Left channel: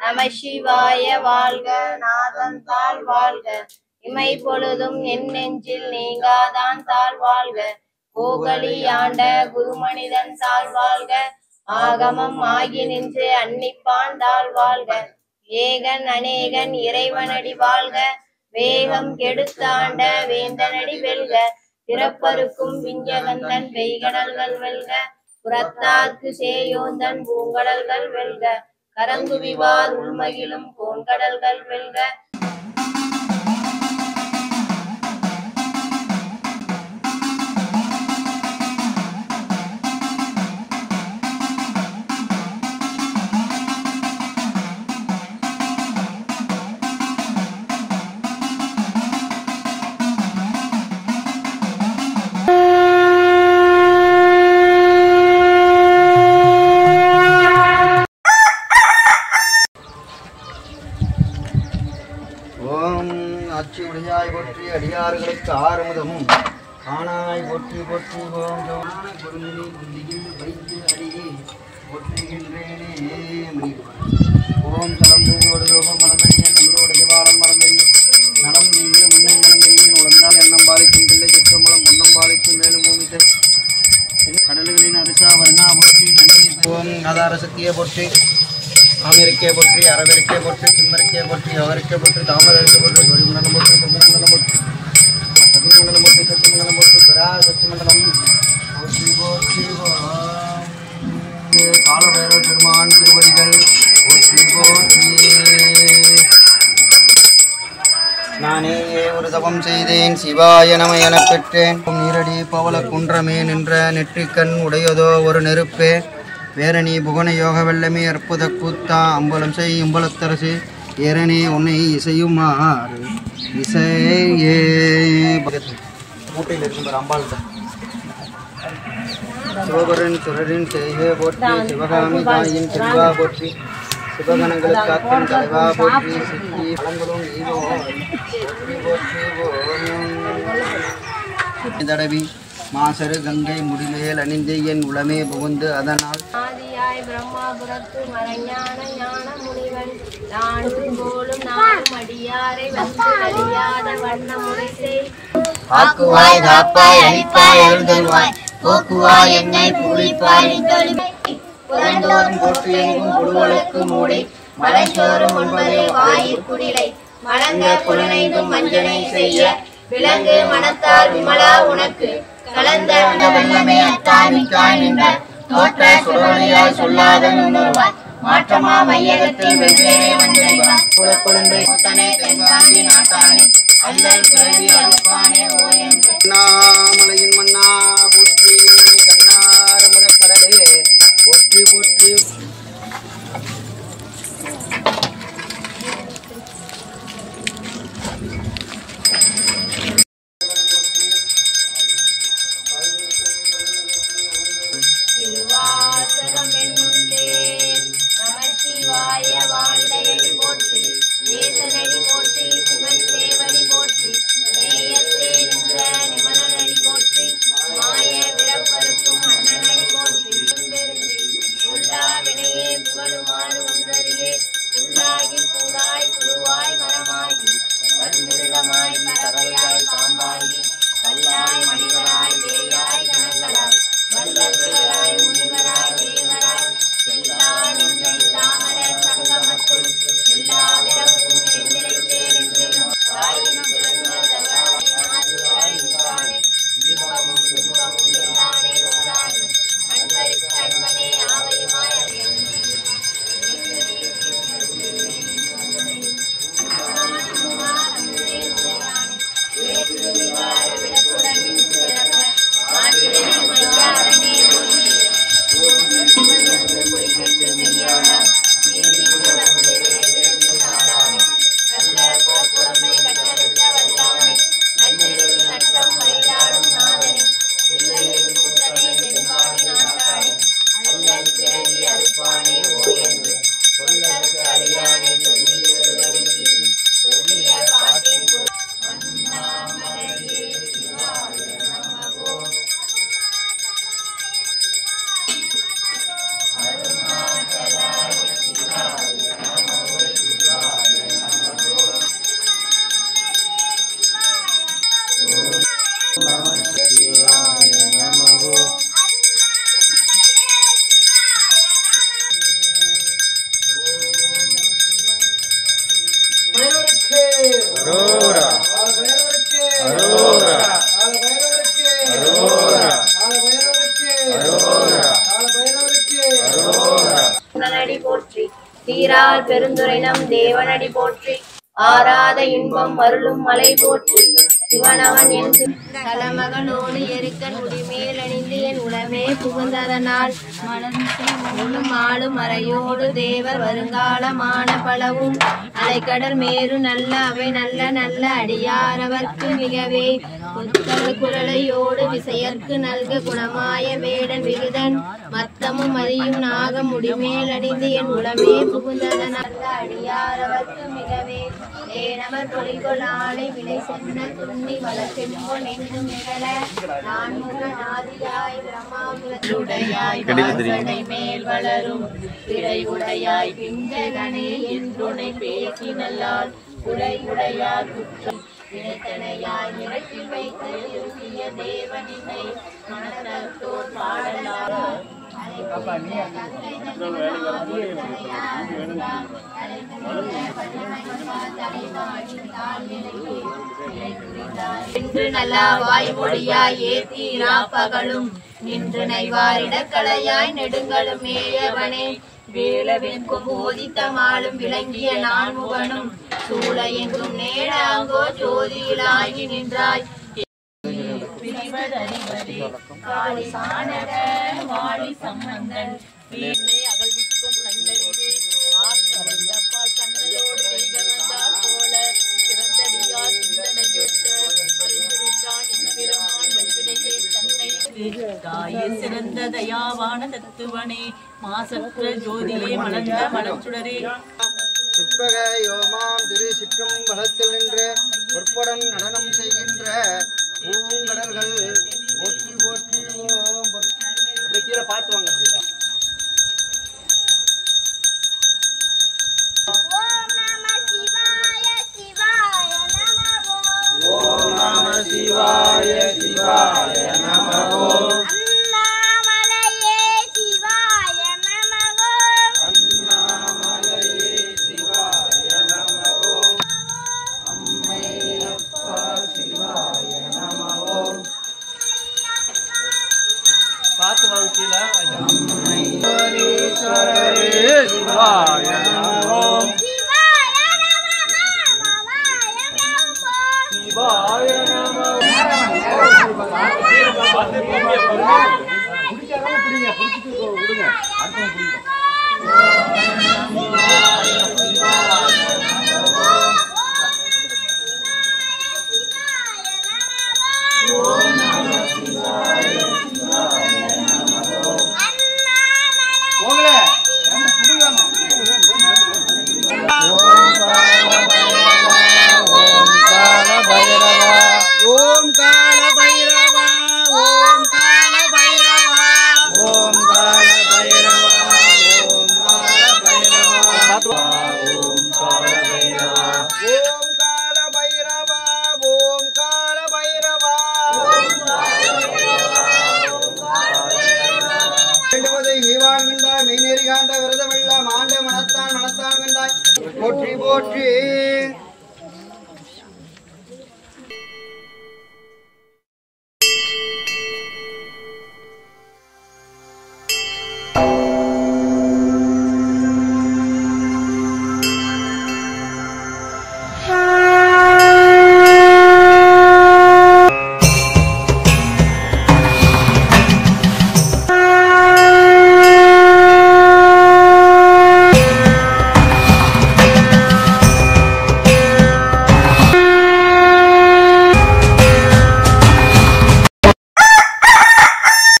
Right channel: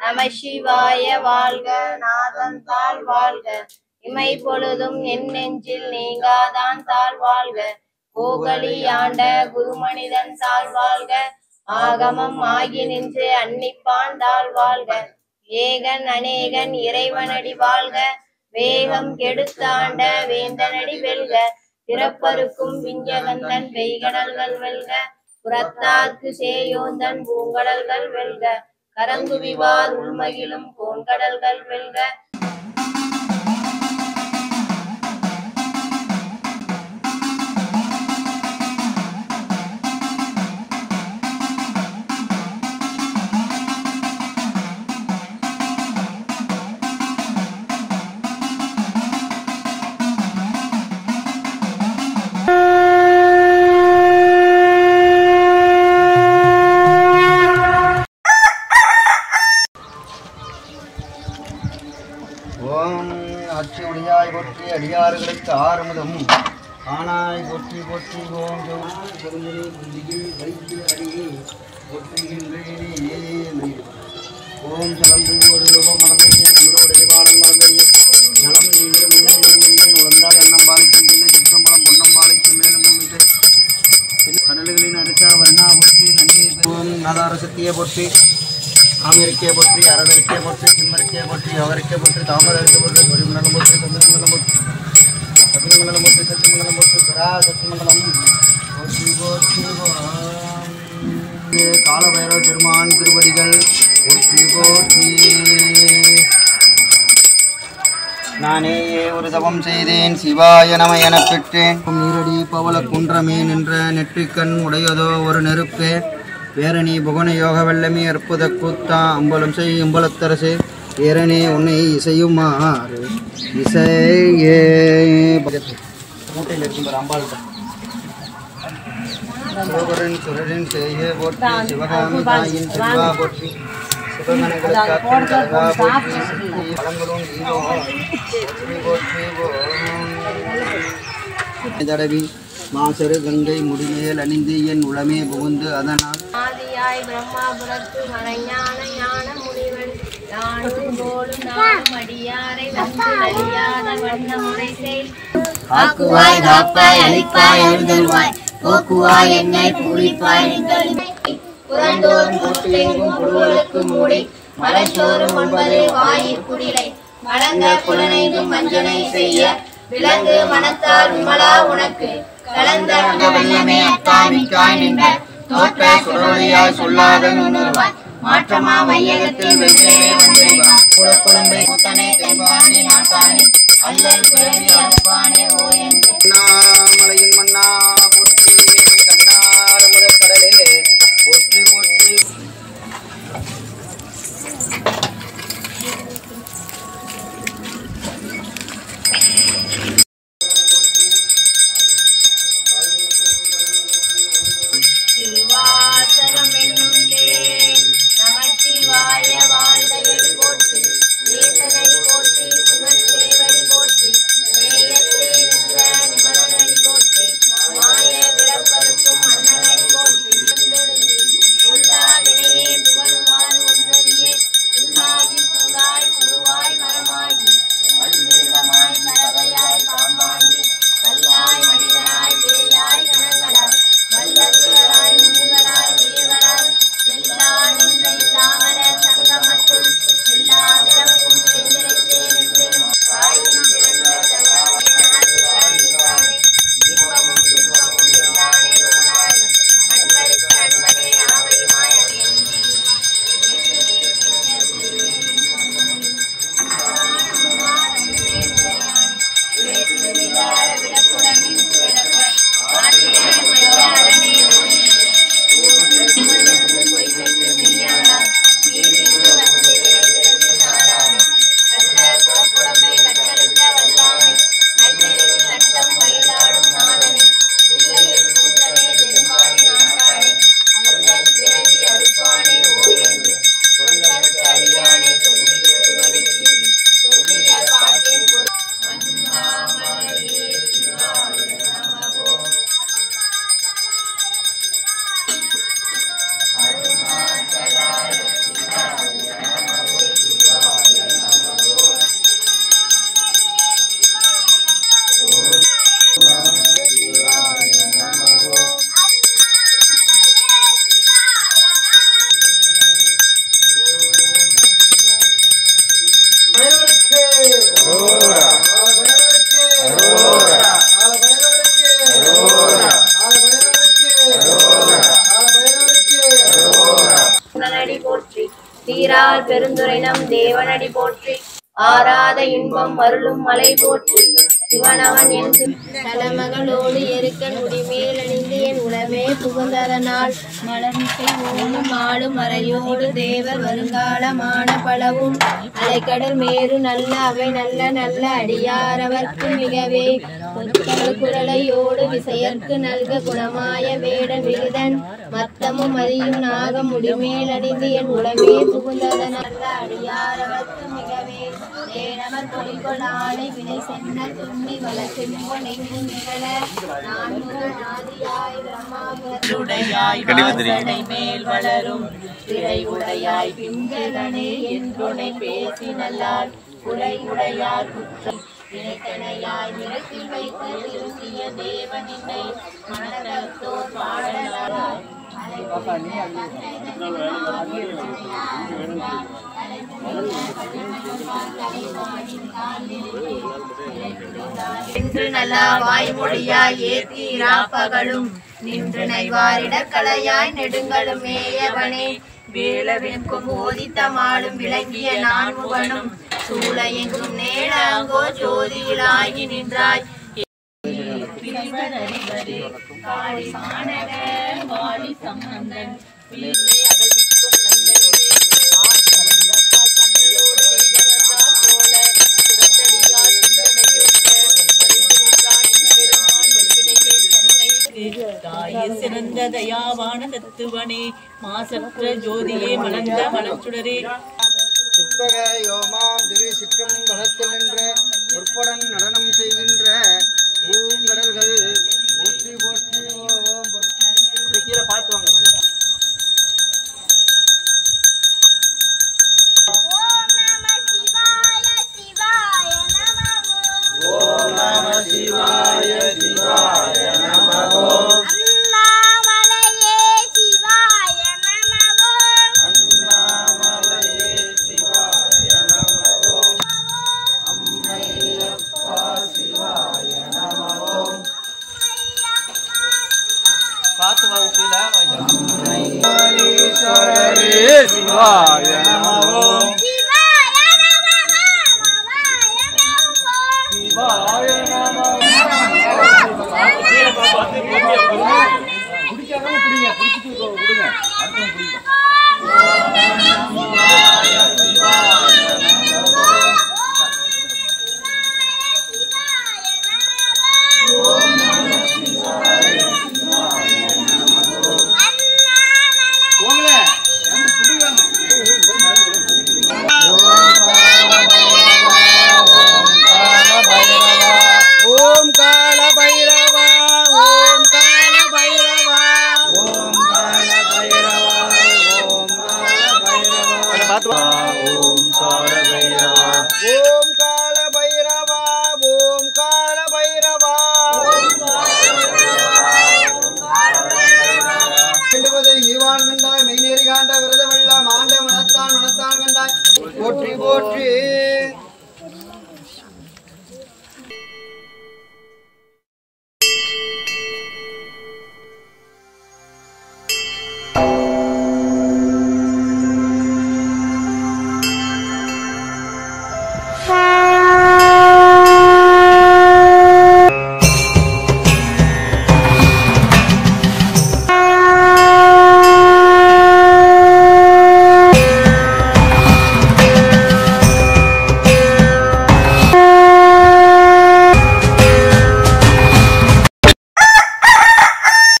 நம சிவாய வாழ்க, நாதன் தாழ் வாழ்க, இமை பொழுதும் என் நெஞ்சில் நீங்காதான் தாழ் வாழ்க, கோகலி ஆண்ட குருமனிதன் தாழ் வாழ்க, ஆகமம் ஆகி நின்று அன்னிப்பான் தாழ் வாழ்க, ஏகன் அநேகன் இறைவனடி வாழ்க, வேகம் கெடுத்தாண்ட வேந்தனடி வெல்க, பிறப்பருக்கும் விஞ்சகந்தன் பெய்கடல்கள் வெல்க, புறத்தார்க்கு சேயோந்தன் பூங்கடல்கள் வெல்க, கரங்குவிவார் உள்மகிழும் கோன்கடல்கள் வெல்க. ஆட்சியுடையாய் போற்றி, அடியார்களுக்கு ஆறுமுதம் ஆனாய் போற்றி போற்றி. ஓம் பொருந்தினி புந்தியில் வைத்து அடியே போற்றுகின்றேனே. ஓம் சலம்பூவோடு யோகம் மறந்தறிய நம்மளோட திவாளம் மறந்தறிய நலம் நீங்கிற முன்னே மறந்தறிய உடந்தால் எண்ணம் பாலிக்கும் பிள்ளை சிற்றம்பலம் பொன்னம் பாலிக்கும் மேலும் பூமிகள் கடல்களின் அரசா வர்ணா போற்றி நன்றி. ஓம் ஆதார சக்தியை போற்றி, ஆமிருக்கே போற்றி, அரவருக்கே போற்றி, சிம்மருக்கே போற்றி, அவருக்கே போற்றி, தாமதருக்கு போற்றி, தொழில்மண்டலம் போற்றி, குமரமண்டலம் போற்றி, அக்னிமண்டலம் போற்றி, சக்திமண்டலம் போற்றி, பிரா சக்திமண்டலம் போற்றி போற்றி. காலபைரவ பெருமான் திருவடிகள் போற்றி போற்றி. நானே ஒரு தவம் செய்தேன், சிவாய நம எனப் பெற்றேன். நீரடி பவள குன்றமே நின்ற நெற்றிக்கண் உடையதோ ஒரு நெருப்பே, வேரணி புகன யோக வெள்ளமே அற்புத கூத்தா அம்பலம் செய் அம்பலத்தரசு ஏரணி உன்னை இசையுமாறு இசையே. மூட்டையில் இருக்கும் அம்பாள் சிவகுரன் சுரரின் செய்கே போற்றி, சிவகாமி தாயின் செல்வா போற்றி, சிவகணங்களுக்கு காக்கும் தலைவா போற்றி, சித்தி பழங்களும் ஈவோ போற்றி போற்றி. தடவி மாசரு கங்கை முடிமேல் அணிந்து என் உளமே புகுந்து அதனால் பிரம்மாபுரத்து மறைஞான ஞான முனிவன் நானும் போலும் நானும் அடியாரை வந்து அழியாத வண்ண முறை செய். ஆக்குவாய் காப்பாய் அழிப்பாய் அருள்தல்வாய், போக்குவாய் என்னை பூரிப்பாய் புறந்தோறும் போட்டு எங்கும் புழுவலுக்கு மூடி மலைச்சோறும் ஒன்பது வாயிற் குடிலை மலங்க புலனைந்தும் மஞ்சனை செய்ய விலங்கு மனத்தால் விமலா உனக்கு கலந்த வெள்ளமே அத்தாமிக்காய் நின்ற தோற்ற சுடரொளியாய் சொல்லாத நுண்ணுருவாய் மாற்றமா மையகத்தில் வெவ்வேறே வந்திருவாய் குளக்குழும்பை கூத்தனே தென்பாண்டி நாட்டானே அல்லை பிறவி அழுப்பானே ஓ என்று. அண்ணாமலையின் மன்னா போற்றி, கண்ணார முதற் கடலே போற்றி போற்றி. திருவாசகம் என்னும் தேன் நம சிவாய வாழ்ந்தயடி போற்றி, தேசனடி போற்றி, புகழ்தேவடி போற்றி, நேயத்தே நின்ற சீரால் பெருந்துரைனம் தேவனடி போற்றி ஆராத இன்பம் அருளும் மலை போற்றி சிவனவன் என் தலைமகளோடு எருக்கன் முடிமேல் அணிந்து என் உடமே புகுந்ததனால் மலர்ந்து ஓடும் ஆளும் மறையோடு தேவர் வருங்காலமான பலவும் அலைக்கடல் மேறு நல்ல அவை நல்ல நல்ல அடியாரவர்க்கு மிகவே குரலையோடு விசையர்க்கு நல்க குணமாய வேடன் விருதன் மத்தமும் மதியும் நாக முடிமேல் அணிந்து என் உடமே புகுந்ததனால் அடியாரவர்க்கு மிகவே தேனவர் பொலிகொள் ஆலை வினை சென்ன துண்ணி வளர்த்தென்போன் எங்கும் நிகழ நான்முகநாதியாய் பிரம்மாபுரத்துடையாய் வாசடை மேல் வளரும் திரை உடையாய் பிஞ்சகனே என்றுனை பேசி நல்லால் குறை உடையார் குற்றம் நினைத்தனையாய் நிலத்தில் வைத்து இருந்திய தேவனினை மனத்தோர் பாடலாரோ என்று நல்ல வாய்மொழியாய் ஏத்தீராப்பகலும் நின்று நைவாரிடக்கலையாய் நெடுங்களும் மேயவனே வேளவெங்கும் ஓதித்தமாலும் விளங்கிய நான்முகனும் சூழ எங்கும் நேடாங்கோ ஜோதியிலாகி நின்றாய் காளி மாநக வாழி சம்பந்தன் சிறந்த தயாவான தத்துவனே மாசற்ற ஜோதியே மலர்ந்த மலர்ச்சுடரே சிற்பக யோமாம் திரு சிற்றம் வளத்தில் நின்ற பொற்படன் நடனம் செய்கின்ற பூங்கடல்கள் போற்றி போற்றி ஓம் அப்படியே கீழே பார்த்து வாங்க. ஓம் நம சிவாய சிவாய நமோ அண்ணாமலையே சிவாய நமோ அண்ணாமலையே சிவாய நமோ அம்மையப்பா சிவாய நமோ பார்த்து வாசில அம்மையேஸ்வரரே சிவாய நமோ போற்றி போற்றி